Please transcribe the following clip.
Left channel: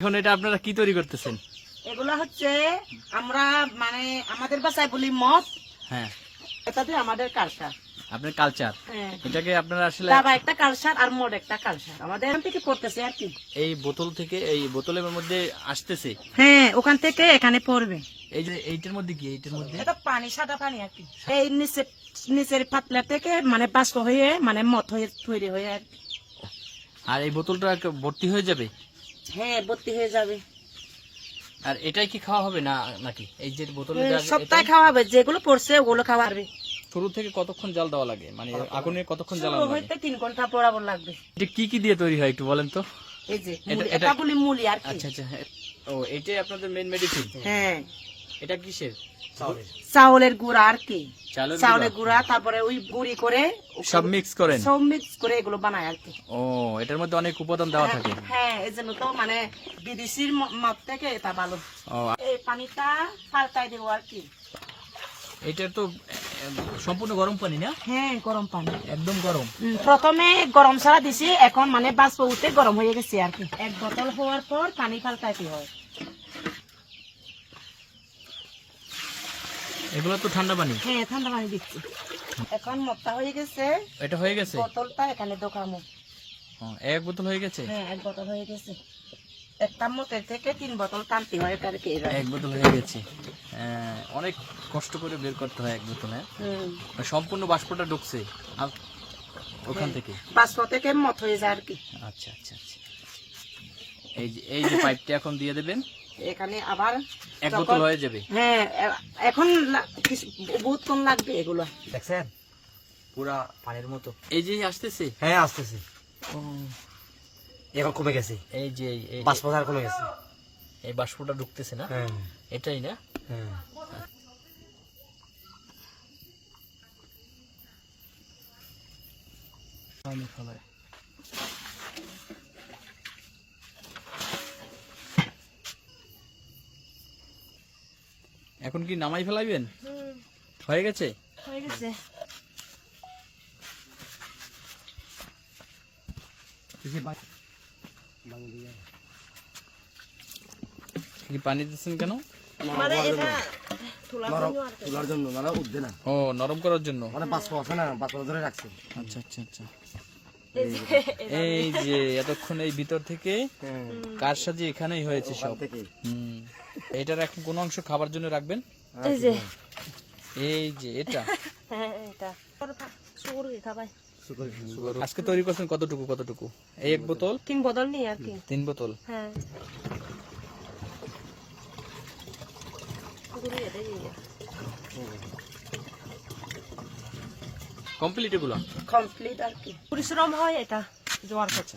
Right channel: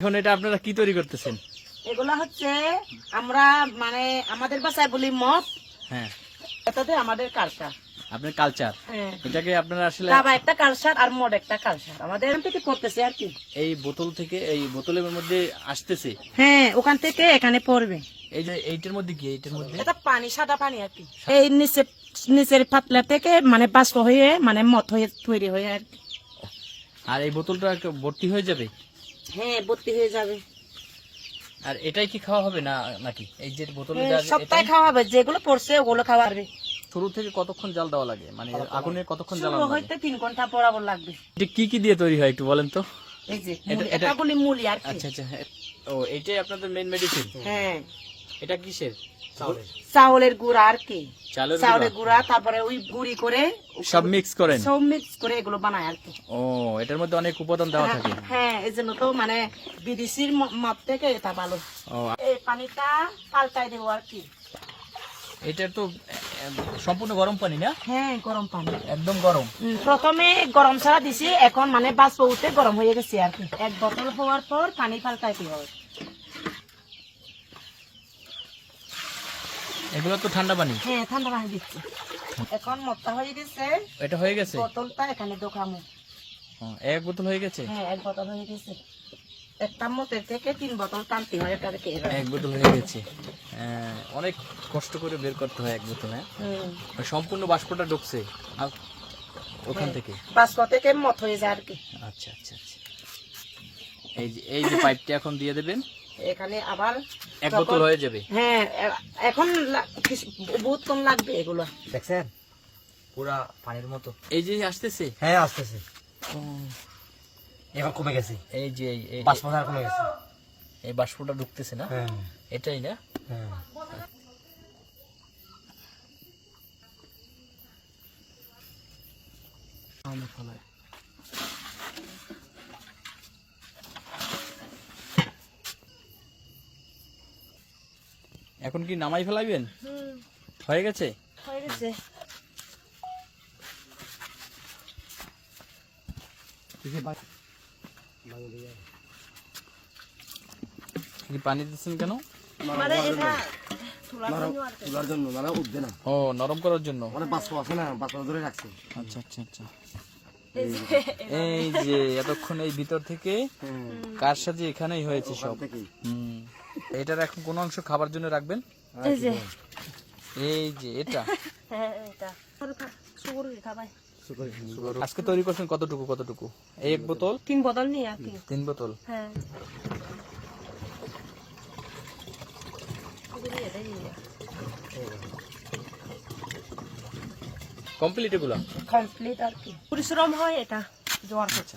এখন এটা আপনারা কি তৈরি করতেছেন? এগুলা হচ্ছে আমরা মানে আমাদের ভাষায় বলি মদ। হ্যাঁ, এটাতে আমাদের কালচার। আপনার কালচার। হ্যাঁ, এটাকে আপনারা আসলে তাবা একটা কালচার আর মদ একটা কালচার আমাদের এখান থেকে পড়তেছে আর কি। এই বোতল থেকে এই বোতলের মধ্যে আসতেছে। হ্যাঁ, ওখান থেকে এখানে পড়বে। এই যে এইটার মধ্যে কি? এইটার মধ্যে এটা পানি, সাদা পানি আর কি। এই নিচের পাতলা থেকে মানে বাষ্প হয়ে মানে মদ হয়ে তৈরি হয়ে আর কি। আর এই বোতলটা ভর্তি হয়ে যাবে। হ্যাঁ, ভর্তি হয়ে যাবে। আর এটাই কি খাওয়া হবে না নাকি? এই যে বোতলে সবটাই খাওয়া হবে, যেগুলো পড়ছে ওগুলো খাওয়া হবে। শুরু থেকে কতক্ষণ জাল দেওয়া লাগে, মানে আগুনে কতক্ষণ জ্বালানো শুরু লাগে? হইতে 3 ঘন্টা বরাবর লাগবে। এটা কি কি দিয়ে তৈরি হয় একটু বলেন তো? এই যে এটা- এটা বলি মুলি আর কি। আচ্ছা আচ্ছা, ও এটাই আপনাদের মেইন মেডিসিন? হ্যাঁ, এটা কিসের? চাউলের গুঁড়া আর কি। চালের চাউলের গুঁড়া? গুঁড়া, তারপরে ওই গুঁড়ি করে সব মিক্স করেন? সব মিক্স করে এগুলো বানায় আর কি। ও, এটার মধ্যে অনেক উপাদান দেওয়া থাকে। হ্যাঁ, এই জন্য তো মানে বিদেশির মাপ থেকে এটা ভালো। ও, এই পানিটা পাল্টাই দেবো আর কি। এটা তো সম্পূর্ণ গরম পানি না? হ্যাঁ, গরম পানি একদম গরম। প্রথমে গরম ছাড়া দিছি, এখন মানে বাষ্প উঠে গরম হয়ে গেছে আর কি। 1 বোতল হওয়ার পর পানি পাল্টাইতে হয়। এগুলো তো ঠান্ডা পানি। হ্যাঁ, ঠান্ডা পানি দিচ্ছি। এখন মদটা হয়ে গেছে, এটা হয়ে গেছে? বোতলটা এখানে দোকামো। ও, এক বোতল হয়ে গেছে? হ্যাঁ, 1 বোতল হয়ে গেছে। একটা মতের থেকে 3 বোতল টানতে হয় এটার থেকে। এক বোতল হয়ে গেছে। অনেক কষ্ট করে বের করতে হয় এক বোতল। হ্যাঁ, সম্পূর্ণ বাষ্পটা ঢুকছে ওখান থেকে? বাষ্প থেকে মত হয়ে যায় আর কি। আচ্ছা আচ্ছা আচ্ছা। এই যে পাইপটা এখন দিয়ে দেবেন, এখানে আবার এক বোতল হয়ে যাবে। হ্যাঁ, এখন বহুত কম লাগবে এগুলো। দেখছেন পুরা পানির মতো। এই যে আসতেছে। হ্যাঁ, আসতেছে। এখন কমে গেছে, এই যে বাষ্পদার কমে গেছে। এই বাষ্পটা ঢুকতেছে না? হ্যাঁ, এটাই না? হ্যাঁ। এখন কি নামাই ফেলাইবেন? হয়ে গেছে? হয়ে গেছে। পানি দিচ্ছেন কেন? মানে এটা তোলার জন্য মানে উঠবে না, ও, নরম করার জন্য। মানে বাষ্প আছে না, বাষ্প ধরে রাখছে। আচ্ছা আচ্ছা আচ্ছা। এই যে এতক্ষণ এই ভিতর থেকে কার সাথে এখানেই হয়েছে সব। এটার এখন কোন অংশ খাবার জন্য রাখবেন? এই যে এই যে এটা এটা সুগরি খাবাই। আজকে তৈরি করছেন কতটুকু কতটুকু? এই 1 বোতল? 3 বোতল নিয়ে আর কি। 3 বোতল? হ্যাঁ, কমপ্লিট এগুলো? কমপ্লিট আর কি। পরিশ্রম হয় এটা জোয়ার করতে।